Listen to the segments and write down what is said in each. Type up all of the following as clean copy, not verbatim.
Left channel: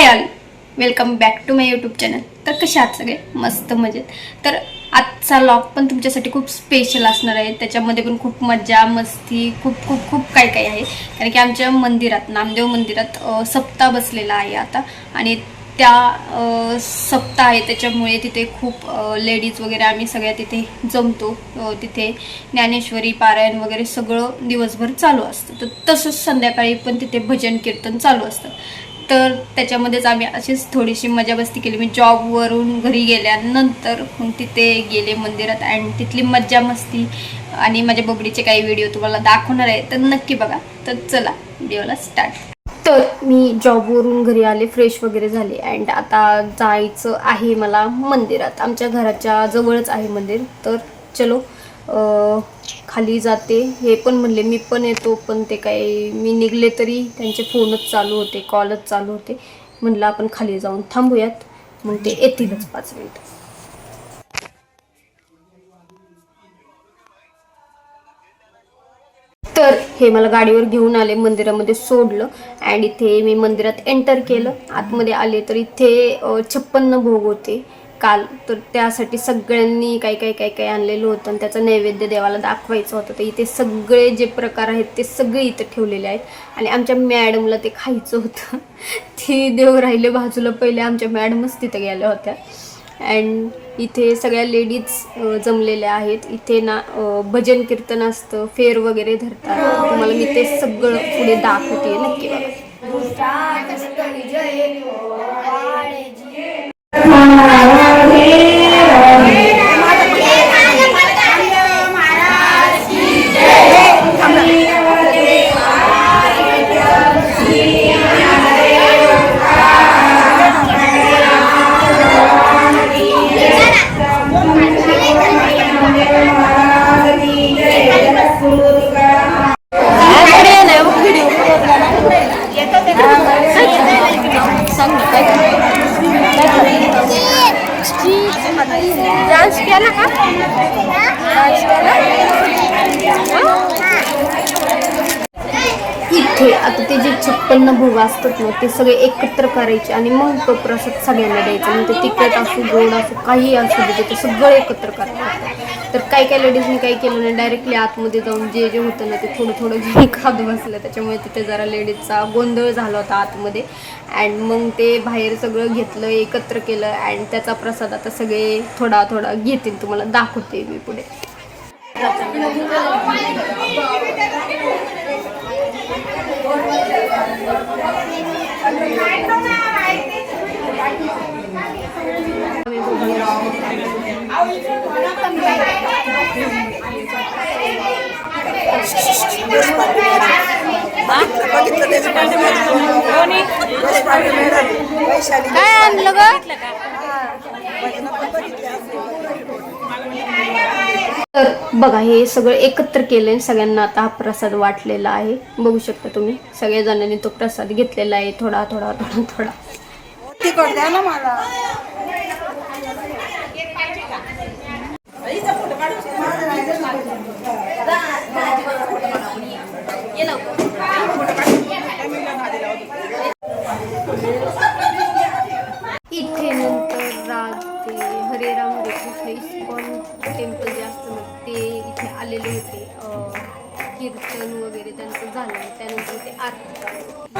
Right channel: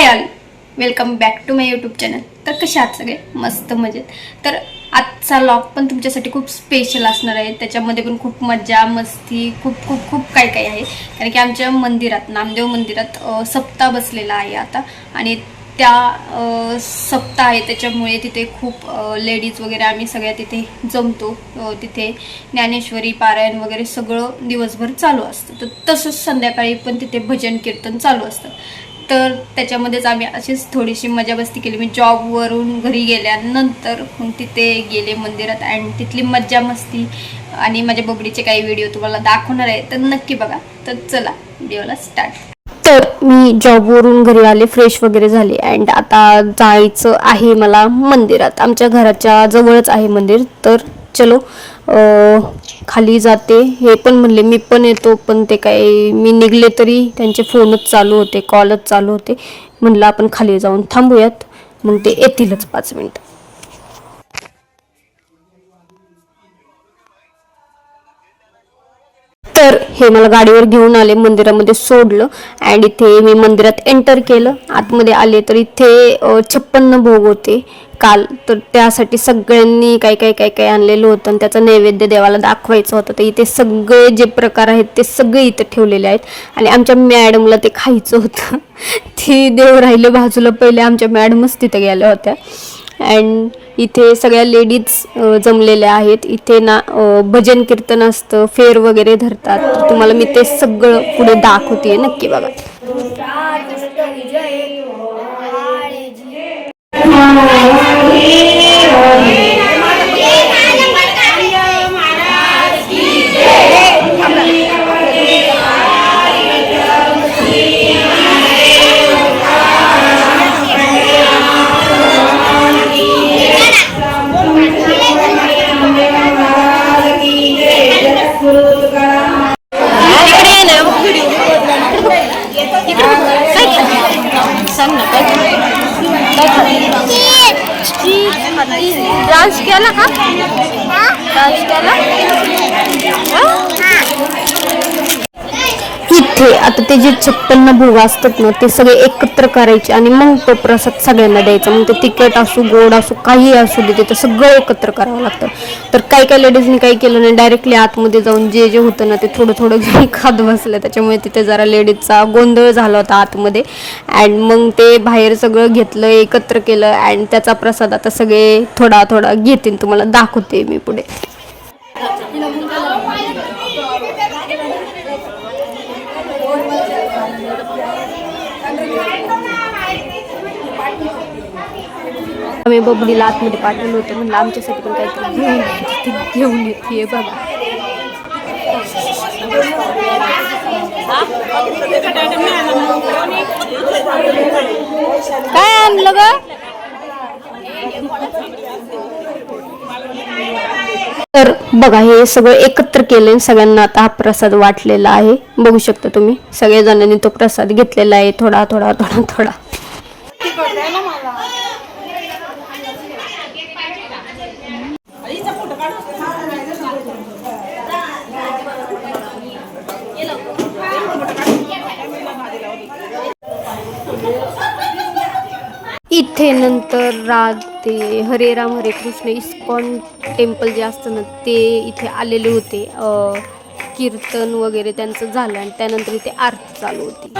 High all, welcome back to my YouTube channel. तर कसे आहात सगळे? मस्त मजेत. तर आजचा व्लॉग पण तुमच्यासाठी खूप स्पेशल असणार आहे. त्याच्यामध्ये पण खूप मजा मस्ती खूप खूप खूप काय काय आहे. कारण की आमच्या मंदिरात, नामदेव मंदिरात सप्ताह बसलेला आहे आता. आणि त्या सप्ताह आहे त्याच्यामुळे तिथे खूप लेडीज वगैरे आम्ही सगळ्या तिथे जमतो. तिथे ज्ञानेश्वरी पारायण वगैरे सगळं दिवसभर चालू असतं. तर तसंच संध्याकाळी पण तिथे भजन कीर्तन चालू असतं. तर त्याच्यामध्येच आम्ही अशीच थोडीशी मजा मस्ती केली. मी जॉबवरून घरी गेल्यानंतर मग तिथे गेले मंदिरात आणि तिथली मज्जा मस्ती आणि माझ्या बबडीचे काही व्हिडिओ तुम्हाला दाखवणार आहे. तर नक्की बघा. तर चला व्हिडिओला स्टार्ट. तर मी जॉबवरून घरी आले, फ्रेश वगैरे झाले अँड आता जायचं आहे मला मंदिरात. आमच्या घराच्या जवळच आहे मंदिर. तर चलो खाली जाते. हे पण म्हणले मी पण येतो, पण ते काय मी निघले तरी त्यांचे फोनच चालू होते, कॉलच चालू होते. म्हणलं आपण खाली जाऊन थांबूयात, मग ते येतीलच 5 मिनिटं. तर हे मला गाडीवर घेऊन आले, मंदिरामध्ये सोडलं अँड इथे मी मंदिरात एंटर केलं. आतमध्ये आले तर इथे 56 भोग होते काल. तर त्यासाठी सगळ्यांनी काय काय काय काय आणलेलं होतं आणि त्याचं नैवेद्य देवाला दाखवायचं होतं. तर इथे सगळे जे प्रकार आहेत ते सगळे इथे ठेवलेले आहेत. आणि आमच्या मॅडमला ते खायचं होतं. ती देव राहिले बाजूला, पहिले आमच्या मॅडमच तिथे गेल्या होत्या. अँड इथे सगळ्या लेडीज जमलेल्या आहेत. इथे ना भजन कीर्तन असतं, फेर वगैरे धरतात. तर तुम्हाला मी ते सगळं पुढे दाखवते, नक्की बघा. डान्स केला का? डान्स केला? इथे आता ते जे 56 भोग असतात ना, ते सगळे एकत्र करायचे आणि मग तो प्रसाद सगळ्यांना द्यायचा. मग ते तिखट असो गोड असो काही असू दे, ते सगळं एकत्र करावं लागतं. तर काही काही लेडीजनी काही केलं नाही, डायरेक्टली आतमध्ये जाऊन जे जे होतं ना ते थोडं थोडं घेऊन खात बसलं. त्याच्यामुळे तिथे जरा लेडीजचा गोंधळ झाला होता आतमध्ये. अँड मग ते बाहेर सगळं घेतलं, एकत्र केलं अँड त्याचा प्रसाद आता सगळे थोडा थोडा घेतील. तुम्हाला दाखवते मी पुढे. आम्ही बबलीला आतमध्ये पाठवलं होतं, म्हणलं आमच्यासाठी पण काहीतरी घेऊन येते बघा. काय आणलं ग? तर बघा हे सगळं एकत्र केलंय. सगळ्यांना आता हा प्रसाद वाटलेला आहे, बघू शकता तुम्ही. सगळ्या जणांनी तो प्रसाद घेतलेला आहे, थोडा थोडा थोडा थोडा. इथे नंतर राधे हरे राम हरे कृष्ण इस्कॉन टेम्पल जे असतं ना ते इथे आलेले होते. कीर्तन वगैरे त्यांचं झालं आणि त्यानंतर इथे आरती चालू होती.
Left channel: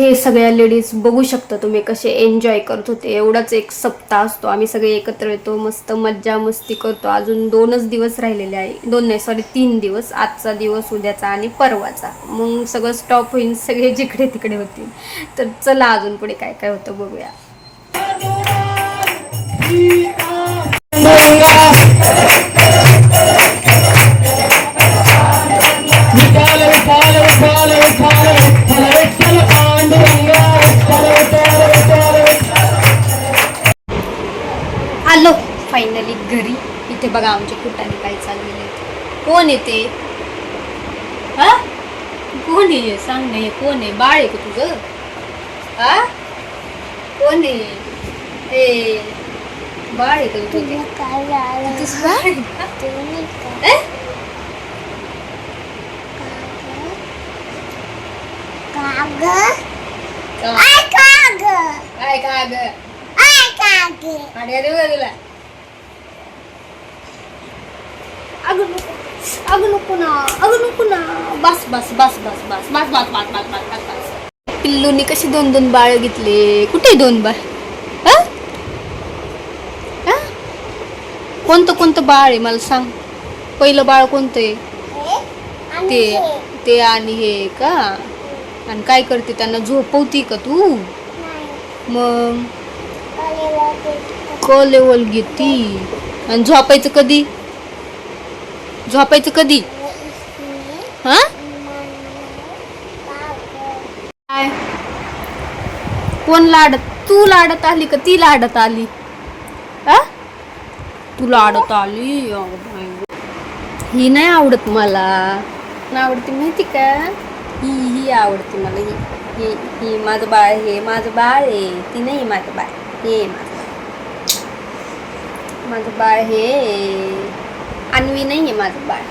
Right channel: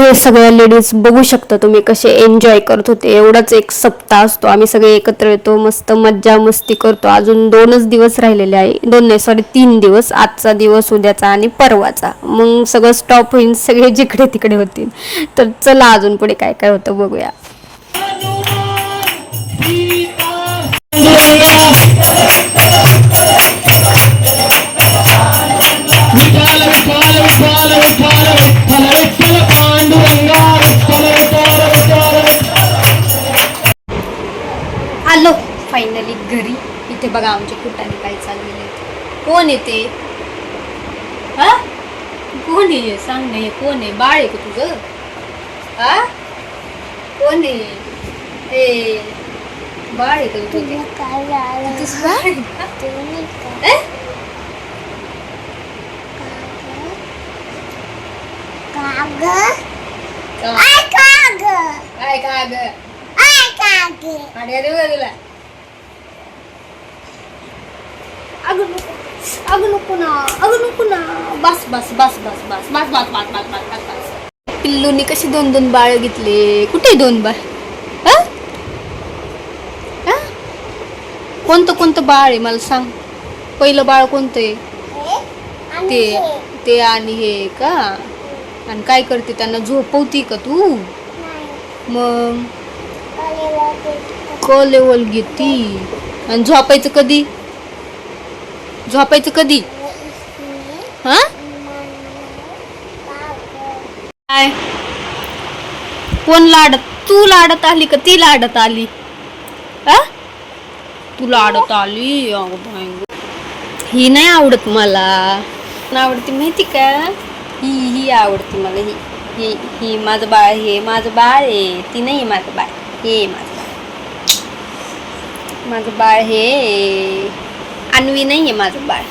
हे सगळ्या लेडीज बघू शकता तुम्ही कसे एन्जॉय करत होते. एवढाच एक सप्ताह असतो, आम्ही सगळे एकत्र येतो, मस्त मज्जा मस्ती करतो. अजून 2च दिवस राहिलेले आहे, 2 नाही सॉरी 3 दिवस. आजचा दिवस, उद्याचा आणि परवाचा. मग सगळं स्टॉप होईल, सगळे जिकडे तिकडे होतील. तर चला अजून पुढे काय काय होतं बघूया. कोण येते? हा कोण आहे? सांग नाही कोण आहे? बाळ आहे का तुझं? हा कोण आहे? ए बाळ आहे का तुझं? तुझं बाळ आहे का? बस बस बस बस बस बस बस बस बस बस बस बस. पिल्लूनी कशी 2-2 बाळ घेतले. कुठे 2 बाळ? कोणतं कोणतं बाळ आहे मला सांग. पहिलं बाळ कोणतं आहे? ते ते आणि हे का? आणि काय करते? त्यांना झोपवती का तू? मग क लेवल घेती. आणि झोपायचं कधी? झोपायचं कधी? हा काय? कोण लाडत? तू लाडत आली का ती लाडत आली? तू लाडत आली. ही नाही आवडत मला. आवडती माहिती का? ही आवडती मला. ही ही माझं बाळ. हे माझं बाळ आहे. ती नाही माझं बाळ. हे माझं बाळ. माझं बाळ हे अन्वी नाही आहे. माझं बाळ.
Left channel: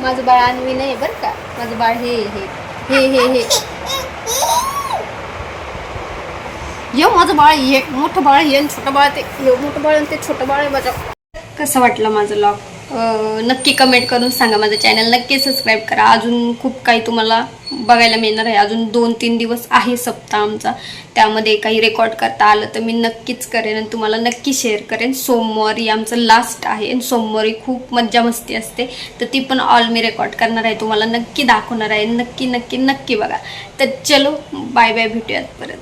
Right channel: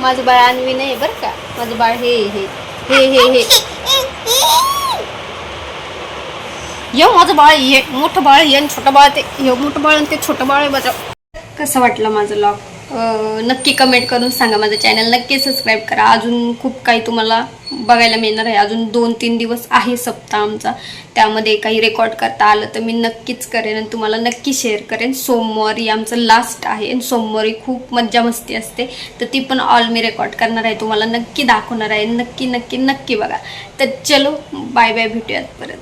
माझं बाळ अन्वी नाही बरं का. माझं बाळ हे हे हे हे हे हे माझं बाळ. हे मोठं बाळ. हे छोटं बाळ. ते हे मोठं बाळ आणि ते छोटं बाळ आहे माझं. कसं वाटलं माझं लॉग? नक्की कमेंट करून सांगा. माझं चॅनल नक्की सबस्क्राईब करा. अजून खूप काही तुम्हाला बघायला मिळणार आहे. अजून 2-3 दिवस आहे सप्ताह आमचा. त्यामध्ये काही रेकॉर्ड करता आलं तर मी नक्कीच करेन आणि तुम्हाला नक्की शेअर करेन. सोमवारी आमचं लास्ट आहे आणि सोमवारी खूप मज्जा मस्ती असते. तर ती पण ऑल मी रेकॉर्ड करणार आहे. तुम्हाला नक्की दाखवणार आहे. नक्की नक्की नक्की बघा. तर चलो बाय बाय. भेटूयात परत.